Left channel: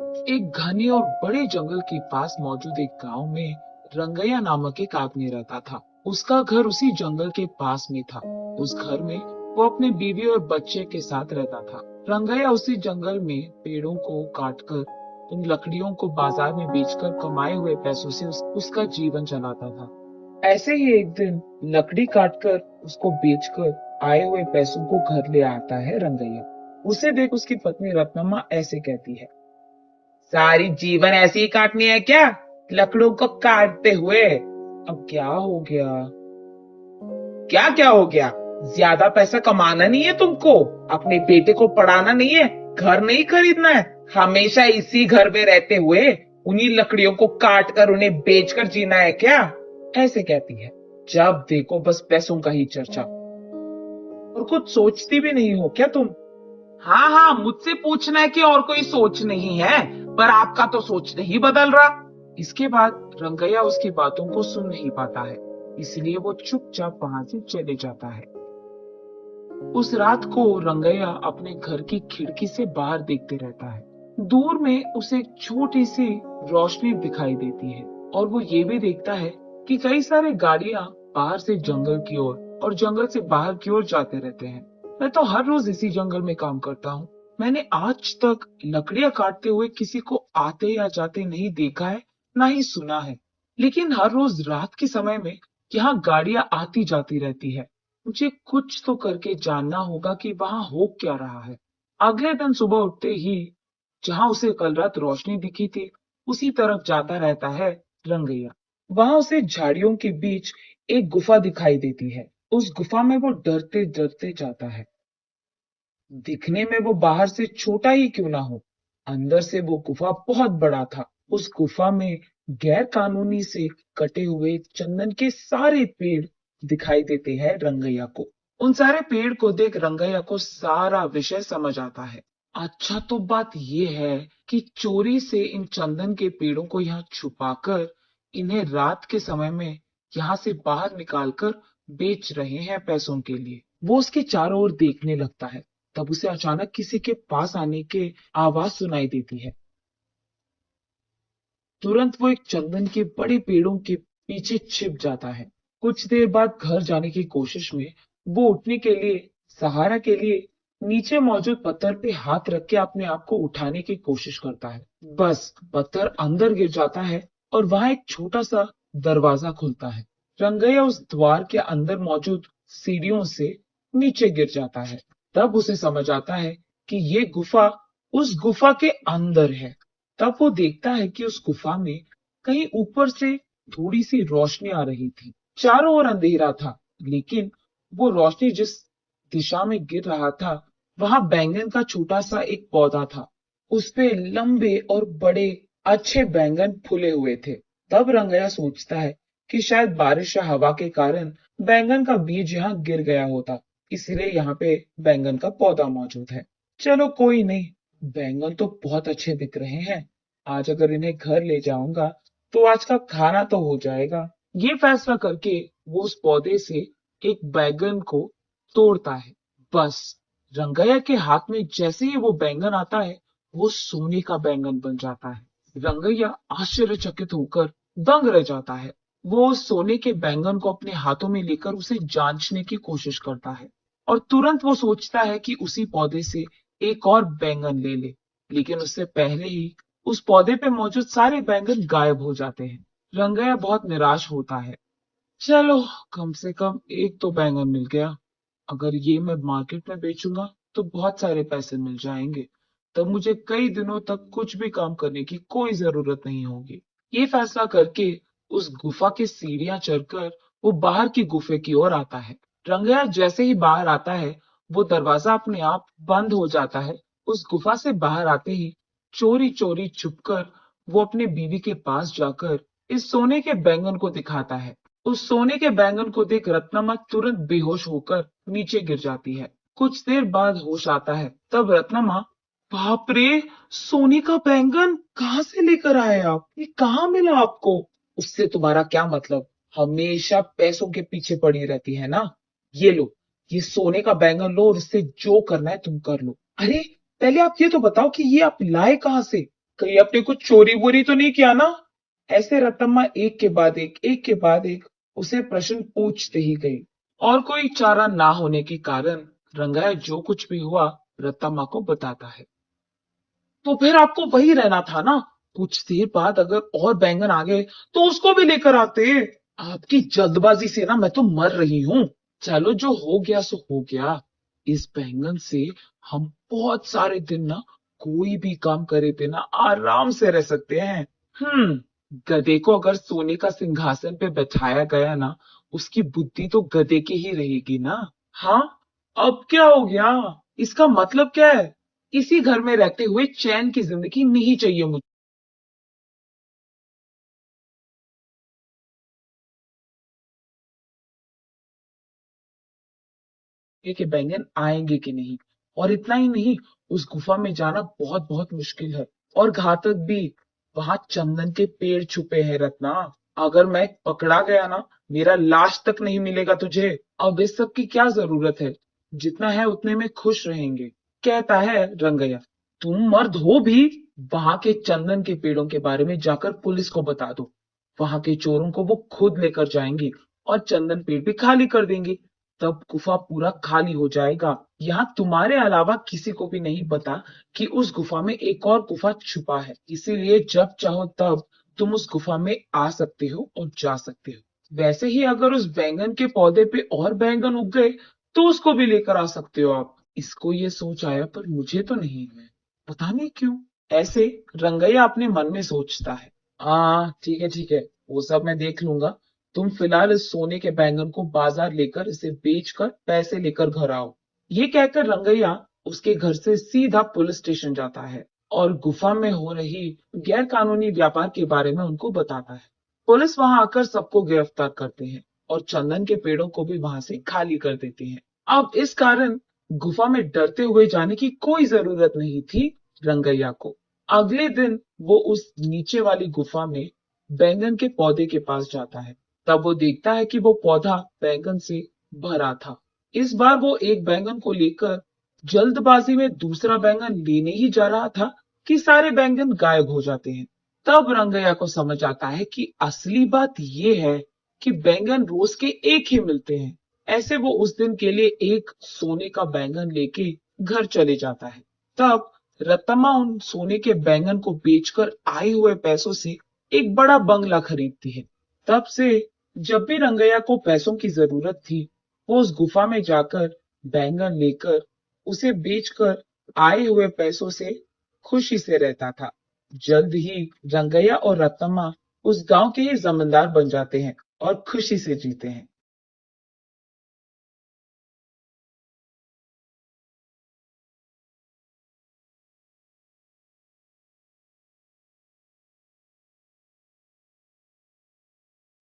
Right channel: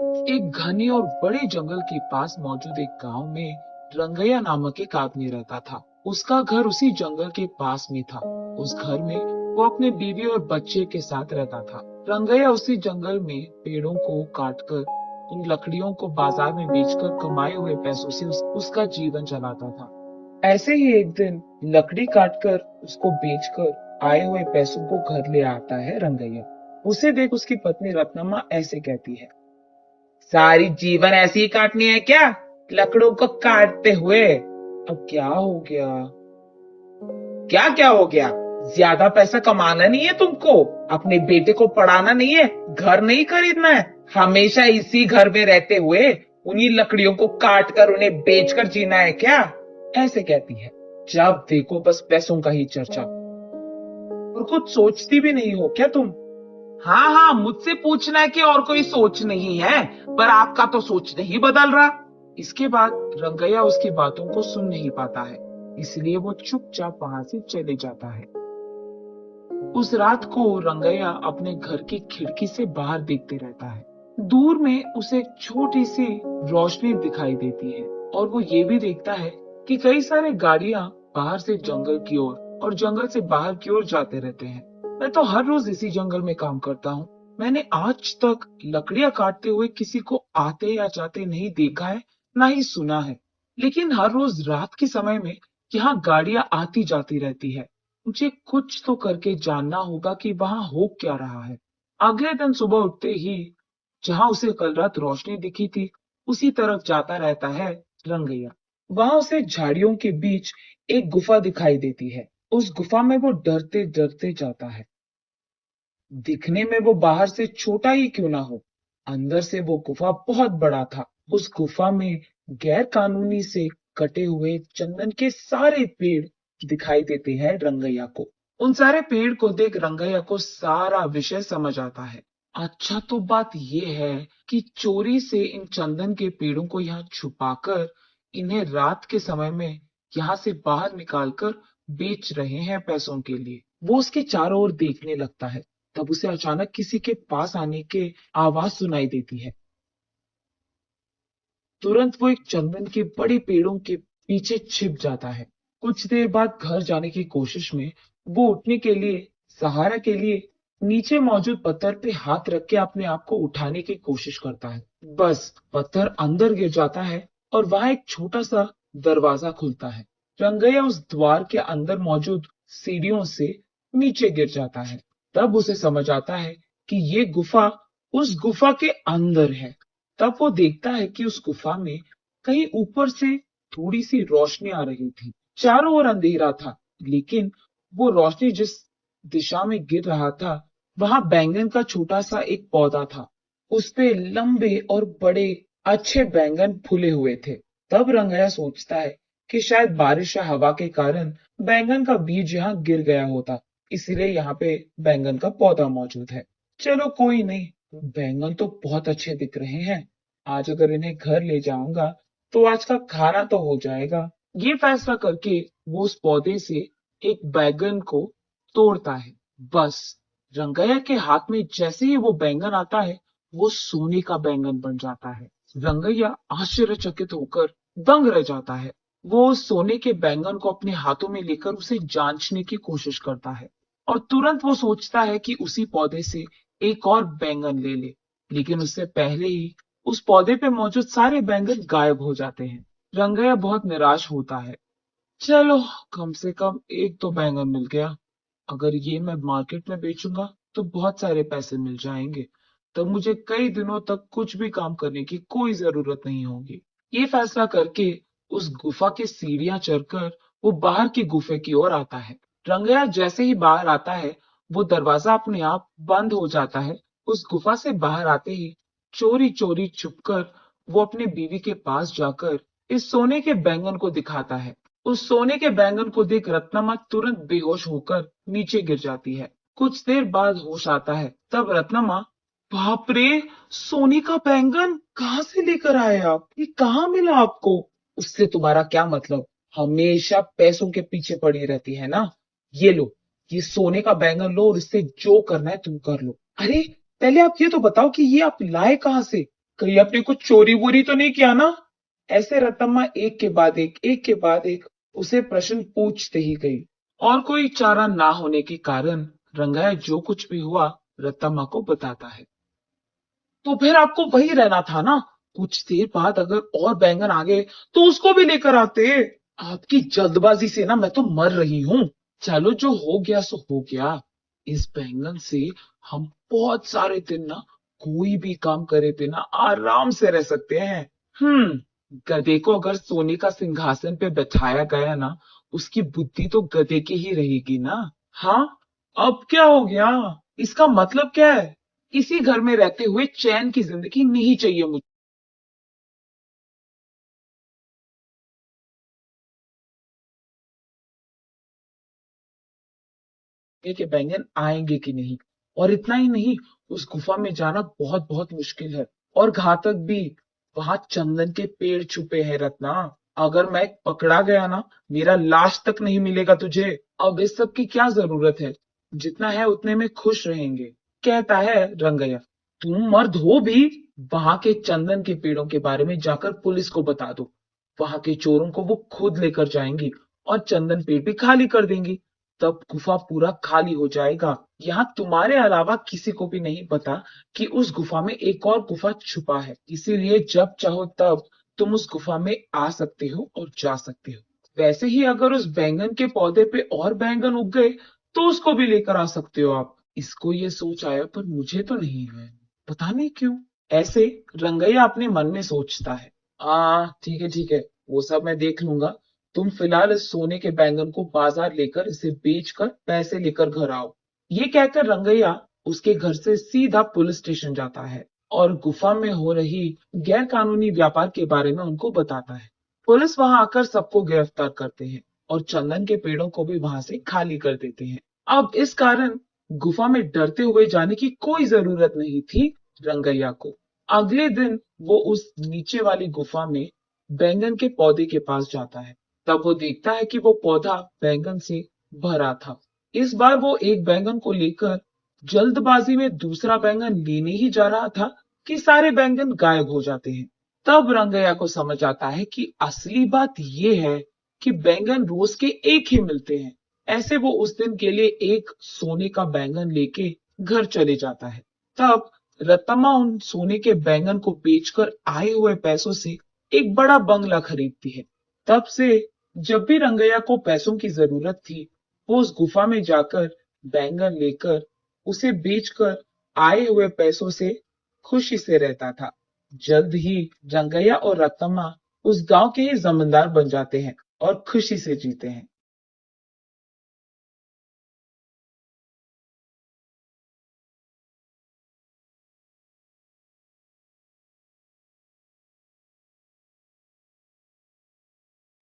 एक घने और बड़े जंगल के पास मौजूद एक गांव में रंगैया नामक एक आदमी रहता था। उसका घर उसी जंगल के पास में था। उस घर में वो अपने बीवी और बच्चे के साथ रहता था। रंगैया उसी जंगल में पेड़ों को काटकर उन लकड़ियों को बाजार में बेचकर कमाए हुए पैसों से उसका जीवन चलाता था। ऐसे ही एक दिन लकड़ी काटकर उसको बेचकर आए हुए पैसों को घर ले आता है रंगैया। उसे देख उसकी पत्नी रत्नमा ऐसे कहती है, सारी जीवन ऐसी ही काटनी है क्या? लकड़ों को काटते हुए अब क्या हो गया? क्या क्या हो गया? ज्यादा पैसा कमाना नहीं है तुमको? अपने बेटे को पढ़ाना नहीं है? घर नहीं खरीदना है? हमेशा इसी घर में रहते हुए उन्हीं लकड़ियों को काट कर उन्हें बेचकर जीना है क्या? ऐसे कहती है। जब देखो बस पैसों का ही चर्चा। और कुछ सोचती भी नहीं हो क्या तुम? हाँ हाँ, मुझसे पूछना है कि और कोई सोच नहीं है, पर आपका तो सोच नहीं बदल रहा। इसके बाद रंगैया उसकी बातों को सुन नहीं पाता है, इसलिए वो चुपचाप वहां से चले जाता है। उस रात को रंगैया अपने घर की खिड़की से बाहर देखते रहता है। दूर में उसे एक छोटी सी रोशनी दिखाई देती है और वो ये भी देखता है कि कई सारे गाड़ियां बाहर से जंगल की ओर और जंगल से बाहर की ओर जाते रहते हैं। मैं तो हर रोज इसी जंगल में काम करता हूँ। मैंने आज तक लकड़ियां काटते हुए किसी को आते या जाते नहीं देखा है, ना ही सुना है। लेकिन हर रोज रात के समय में यहाँ गाड़ियां आती जाती रहती है। मुझे कुछ तो करके जानना होगा कि वहां हो क्या रहा है। अगले दिन सुबह उठते ही जहां उसे कल रात रोशनी दिखी थी, उसी तरफ जाता रहता है रंगैया। वहां उसे झाड़ियों के बीच एक गुफा दिखाई देती है। उस गुफा में वो डरते डरते जाता है। दिखने में वो बाहर से छोटा ही क्यों ना हो, अंदर से वो गुफा बहुत बड़ा था। उस गुफा में गैर कानूनी से कटे हुए चंदन के सारे पेड़ दिखाई देते हैं रंगैया को। उन सारे पेड़ को देख रंगैया को सारा विषय समझ आता है। अच्छा, तो बात ये है कि चोरी से इन चंदन के पेड़ों को यहाँ छुपाकर इन्हें रात के समय में यहाँ से बाहर निकालकर बेच रहे हैं पैसों के लिए। वो उसके चारों ओर देखने लगता है। तब उसे अचानक किसी के पास आने की आवाज सुनाई देती है। तुरंत वो एक चंदन के बड़े पेड़ों के पीछे छिप जाता है। कुछ देर बाद घर जाने की कोशिश में वो उठने के लिए, सहारा के लिए नीचे मौजूद पत्थर पे हाथ रख के अपने आप को उठाने की कोशिश करता है। बस पत्थर अंदर गिर जाता है और वहां एक छोटा सा दरवाजा खुलता है। रंगैया उस द्वार के अंदर मौजूद सीढ़ियों से नीचे गिर जाता है। तब उसे समझ आता है कि ये गुफा उस गुफा के अंदर है। तब वो देखता है कि उस गुफा में कहीं ऊपर से थोड़ी सी रोशनी आ रही थी। चारों ओर अंधेरा था, लेकिन वो रोशनी जिस दिशा में गिर रहा था, वहां बैंगन का छोटा सा एक पौधा था। उस पे लंबे और बड़े अच्छे बैंगन फूले हुए थे। तब रंगैया सोचता है कि शायद बारिश या हवा के कारण बैंगन का बीज यहाँ गिर गया होता, इसलिए यहाँ पे बैंगन का पौधा मौजूद है। चलो कोई नहीं, बैंगन तो बहुत अच्छे दिख रहे हैं। आज अगर इन्हें घर ले जाऊंगा तो आज का खाना तो हो जाएगा। ये फैसला करके वो उस पौधे से एक बैंगन को तोड़ता है। बस रंगैया के हाथ में जैसे ही वो बैंगन आता है, वो सोने का बैंगन बन जाता है। रंगैया आश्चर्यचकित होकर दंग रह जाता है। वो उस सोने के बैंगन को अपने हाथों में लेकर उसे जांचने की कोशिश करता है और तुरंत वो सोचता है कि उसी पौधे से एक और बैंगन ले ले। लेकिन उससे पहले ही उस पौधे पे मौजूद सारे बैंगन गायब हो जाते हैं। रंगैया बहुत निराश होता है। चलो, कम से कम एक तो बैंगन मिल गया। अगर ये मैं मार्केट में बेचूंगा तो बहुत सारे पैसे मिल जाएंगे। तब मुझे कई दिनों तक कुछ भी काम करने की कोई जरूरत नहीं होगी। ये फैसला करके उस गुफा की सीढ़ियां चढ़कर वो बाहर की गुफे की ओर आता है। रंगैया जैसे ही बाहर आता है, वो दरवाजा अपने आप बंद हो जाता है। उस गुफा से बाहर आते ही चोरी चोरी छुपकर वो अपने बीवी के पास जाकर इस सोने के बैंगन को दिखाता है। उस सोने के बैंगन को देख रत्नमा तुरंत बेहोश होकर नीचे गिर जाती है। कुछ देर बाद होश आता है। तब रत्नमा, बाप रे, सोने का बैंगन कहाँ से लेकर आए आप? ये कहाँ मिला आपको? उससे तुम्हारा क्या मतलब? हमेशा पैसों के पीछे पड़ी रहती है ना। ये लो, ये सोने का बैंगन लो और इससे जो करना है तुम कर लो। अरे, पहले आप ये तो बताओ कि ये आप लाए कहाँ से? कहीं अपने कुछ चोरी वोरी तो नहीं किया ना? ऐसे रतम्मा एक के बाद एक उसे प्रश्न पूछते ही गई। और कोई चारा ना होने के कारण रंगाया जो कुछ भी हुआ रतम्मा को बताता है। तो फिर आपको वही रहना था ना? कुछ देर बाद अगर और बैंगन आ गए तो उसको भी लेकर आते। आपकी जल्दबाजी से ना मैं तो मर रही हूँ। चलो जो हो गया सो हो गया। इस बैंगन से हम बहुत सारे दिन ना कोई भी काम करे बिना आराम से रह सकते हैं। गधे को अगर सोने का सिंहासन पे बैठाया गया ना, उसकी बुद्धि तो गधे की ही रहेगी ना। हाँ, अब क्या हो गया? इसका मतलब क्या है? इसी घर में रहते हुए चैन की जिंदगी नहीं चाहिए मुझे। के बैंगन आएंगे कि नहीं। और इतना ही नहीं, उस गुफा में जाना बहुत बहुत मुश्किल है और घातक भी। वहां चंदन के पेड़ छुपे हैं रत्ना। अगर मैं पकड़ा गया ना, मेरा लाश तक नहीं मिलेगा तुझे। अब इस सब की क्या जरूरत है? जितना है उतने में खुश रहेंगे, कहता है रंगैया। तुम मर्द हो भी? वहां के चंदन के पेड़ों के बारे में जाकर पुलिस को बता दो। वहां के चोरों को वो खुद लेकर जाएंगी और चंदन पेड़ भी खाली कर देंगी। तब गुफा पूरा खाली हो जाएगा। यहाँ तुम्हारे अलावा किसी को भी नहीं पता कि उस गुफा में एक और गुफा छुपा है। इसीलिए जब चाहो तब तुम उस गुफा में आ सकते हो और जा सकते हो। वैसे ही अगर उस बैंगन के पौधे पे और बैंगन उग गए तो उसको भी लेकर आ सकते हो आप। इसको ये सोच आया पर मुझे तो नहीं है, पता नहीं क्यों। ऐसे रंगैया अपने मन में सोचता है। हाँ ठीक है ठीक है, वो सब मैं देख लूंगा। तुम फिलहाल इस सोने के बैंगन को बाजार लेकर इसे बेचकर पैसे लेकर घर आओ। ये कहकर रंगैया उसके घर से सीधा पुलिस स्टेशन जाता है और गुफा में हो रही गैर कानूनी व्यापार के बारे में उनको बताता है। पुलिस वहां आकर सबको गिरफ्तार करते हैं और चंदन के पेड़ों को भी वहां से खाली कर देते हैं। अब इस कारण गुफा में डरते हुए जाने की कोई जरूरत नहीं थी रंगैया को। अगले दिन वो उस नीचे वाली गुफा में बैंगन के पौधे के पास जाता है। तब वो देखता है कि वो पौधा बैंगन से भरा था। इस बार वो एक बैंगन को लेकर जल्दबाजी में दूसरा बैंगन लेने ही जा रहा था कि सारे बैंगन गायब हो जाते हैं। तब रंगैया को समझ आता है कि असली बात ये है कि बैंगन रोज के एक ही मिलते हैं। ऐसे वो उस दिन के लिए एक सोने का बैंगन लेके घर चले जाता है। तब रतम्मा उन सोने के बैंगन को बेचकर आए हुए पैसों से एक बड़ा बंगला खरीदती है। तब से जब भी रंगैया को पैसों की जरूरत थी, वो उस गुफा में जाकर बैंगन लेकर उसे बेचकर आए हुए पैसों से खुशी से रहता था। जल्द ही रंगैया और रतम्मा उस गांव के ही जमींदार बन जाते हैं और खुशी से जीते हैं।